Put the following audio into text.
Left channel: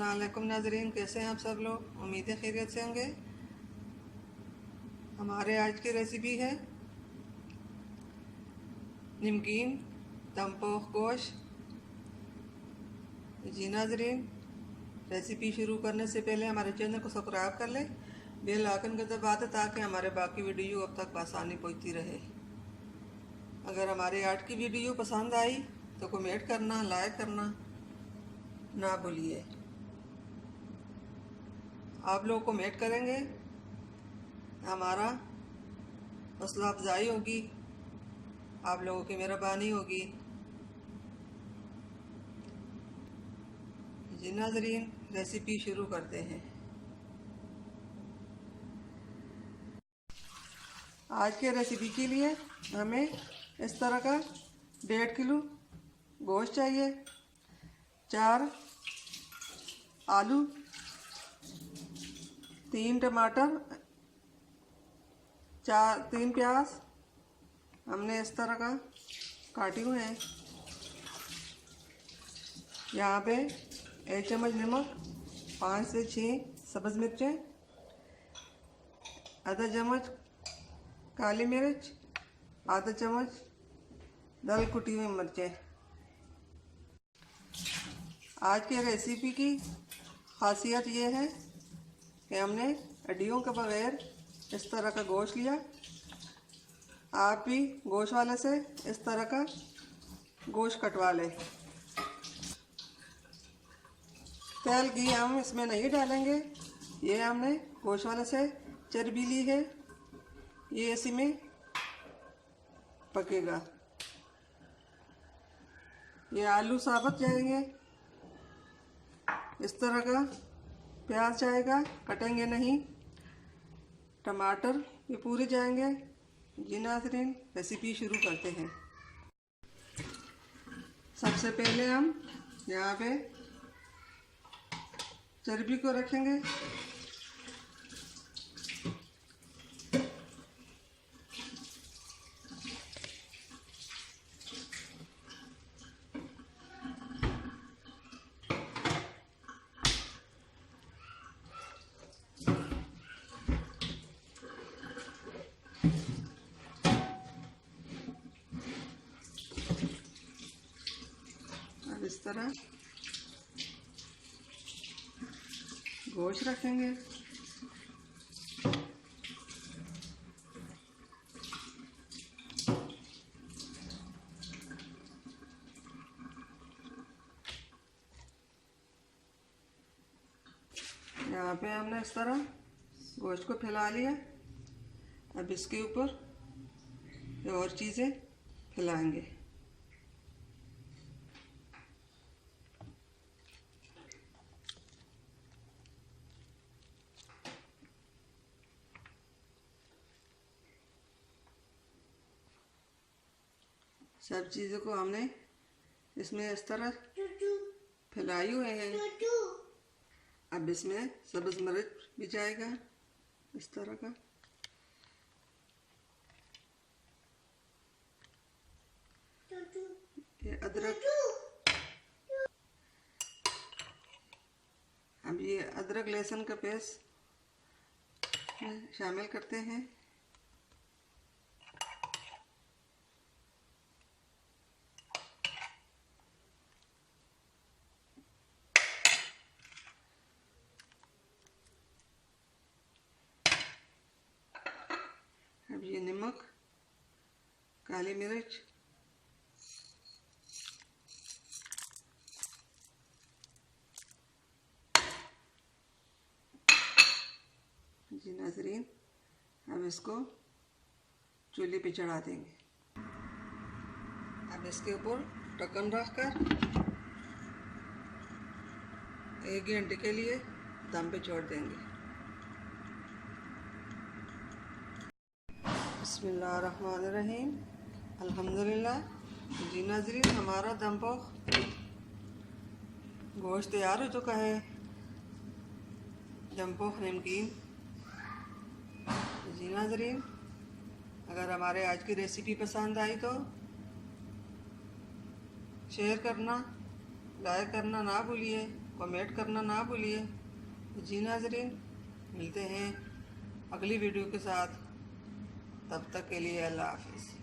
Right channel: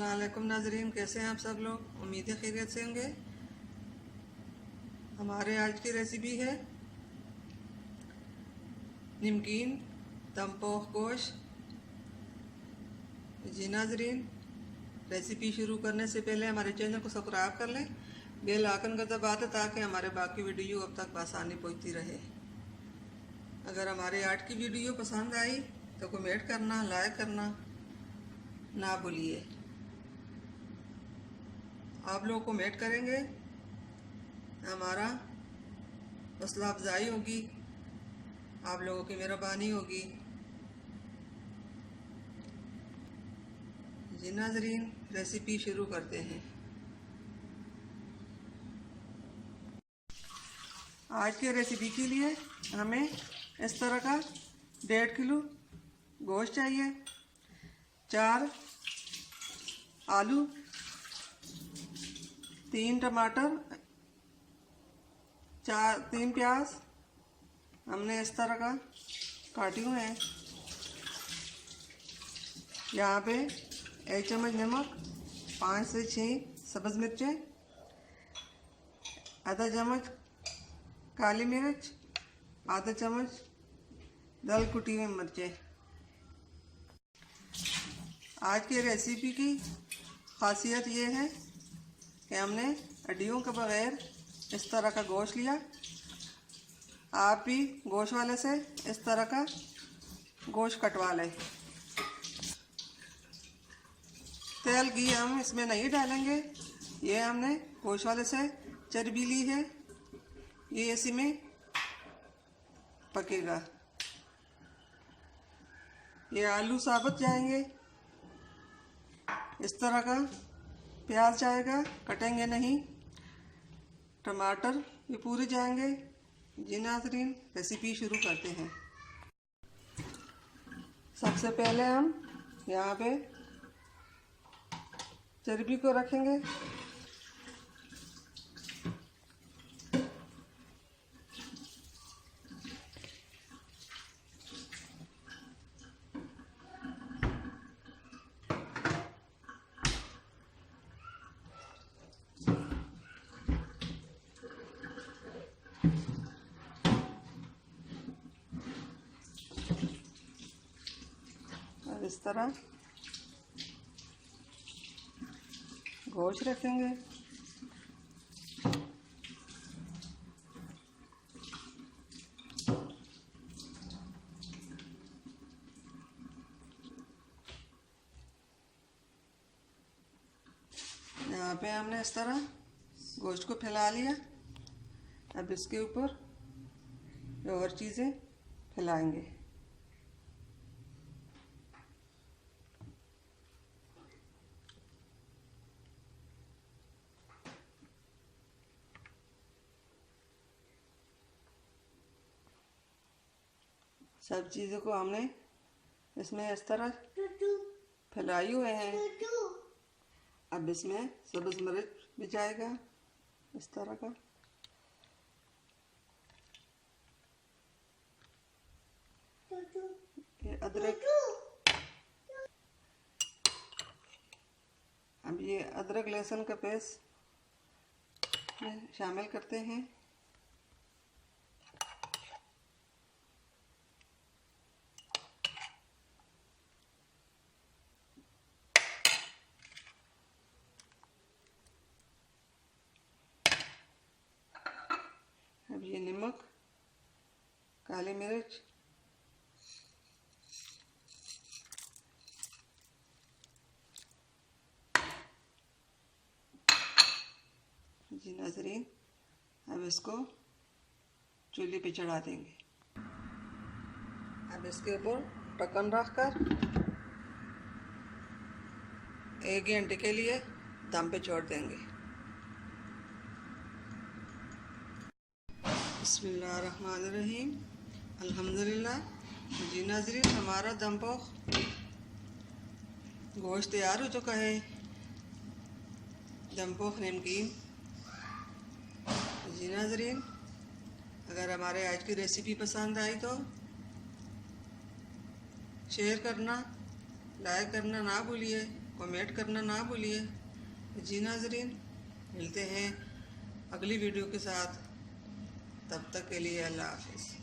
अस्सलाम वालेकुम नाजरीन, कैसे हैं आप सब लोग। उम्मीद है खैरियत से होंगे। हमारे आज की रेसिपी है नमकीन दम पोख गोश्त। जी नाजरीन, रेसिपी शुरू करने से पहले हमारे चैनल को सब्सक्राइब कर लें, बेल आइकन का दबा दें ताकि हमारे बाकी वीडियो अब तक आसानी पहुंचती रहे। अगर हमारे आज की वीडियो पसंद आई तो कमेंट करना, लाइक करना ना भूलिए। आप लोग कमेंट करेंगे, हमारा हौसला अफजाई होगी, आप लोगों की मेहरबानी होगी। जी नाजरीन, रेसिपी शुरू करते हैं। आज के रेसिपी के लिए हमें इस तरह का 1.5 किलो गोश्त चाहिए, 4 आलू, 3 टमाटर, 3 प्याज हमने इस तरह का काटी हुए हैं। यहाँ पे 1 चम्मच नमक, 5 से 6 सब्ज़ मिर्चें, आधा चम्मच काली मिर्च, आधा चम्मच दल कुटी हुई मिर्चें। आज की रेसिपी की खासियत ये है कि हमने हड्डियों के बगैर इस तरह का गोश्त लिया। आप भी गोश्त वाले से इस तरह का गोश्त कटवा लें। तेल घी हम इसमें नहीं डालेंगे, ये हमने गोश्त वाले से चर्बी ली है, ये इसी में पकेगा। ये आलू साबुत जाएंगे, इस तरह का प्याज जाएगा, कटेंगे नहीं। टमाटर ये पूरे जाएंगे। जी नाज़रीन, रेसिपी शुरू करते हैं। सबसे पहले हम यहाँ पे चर्बी को रखेंगे। और इस तरह गोश्त रखेंगे। यहाँ पे हमने इस तरह गोश्त को फैला लिया। अब इसके ऊपर और चीज़ें फैलाएंगे। सब चीज़ों को हमने इसमें इस तरह फैलाई हुए हैं। अब इसमें सब्ज़ मिर्च भी जाएगा इस तरह का। ये अदरक, अब ये अदरक लहसुन का पेस्ट शामिल करते हैं। अब ये नमक, काली मिर्च, जी नाज़रीन, अब इसको चूल्हे पे चढ़ा देंगे। अब इसके ऊपर ढक्कन रखकर 1 घंटे के लिए दम पे छोड़ देंगे। बिस्मिल्लाहिर्रहमानिर्रहीम, अल्हम्दुलिल्लाह। जी नाज़रीन, हमारा दम पोख गोश्त तैयार हो चुका है। दम पोख नमकीन। जी नाज़रीन, अगर हमारे आज की रेसिपी पसंद आई तो शेयर करना, लाइक करना ना भूलिए, कमेंट करना ना भूलिए। जी नाजरीन, मिलते हैं अगली वीडियो के साथ, तब तक के लिए अल्लाह हाफिज़।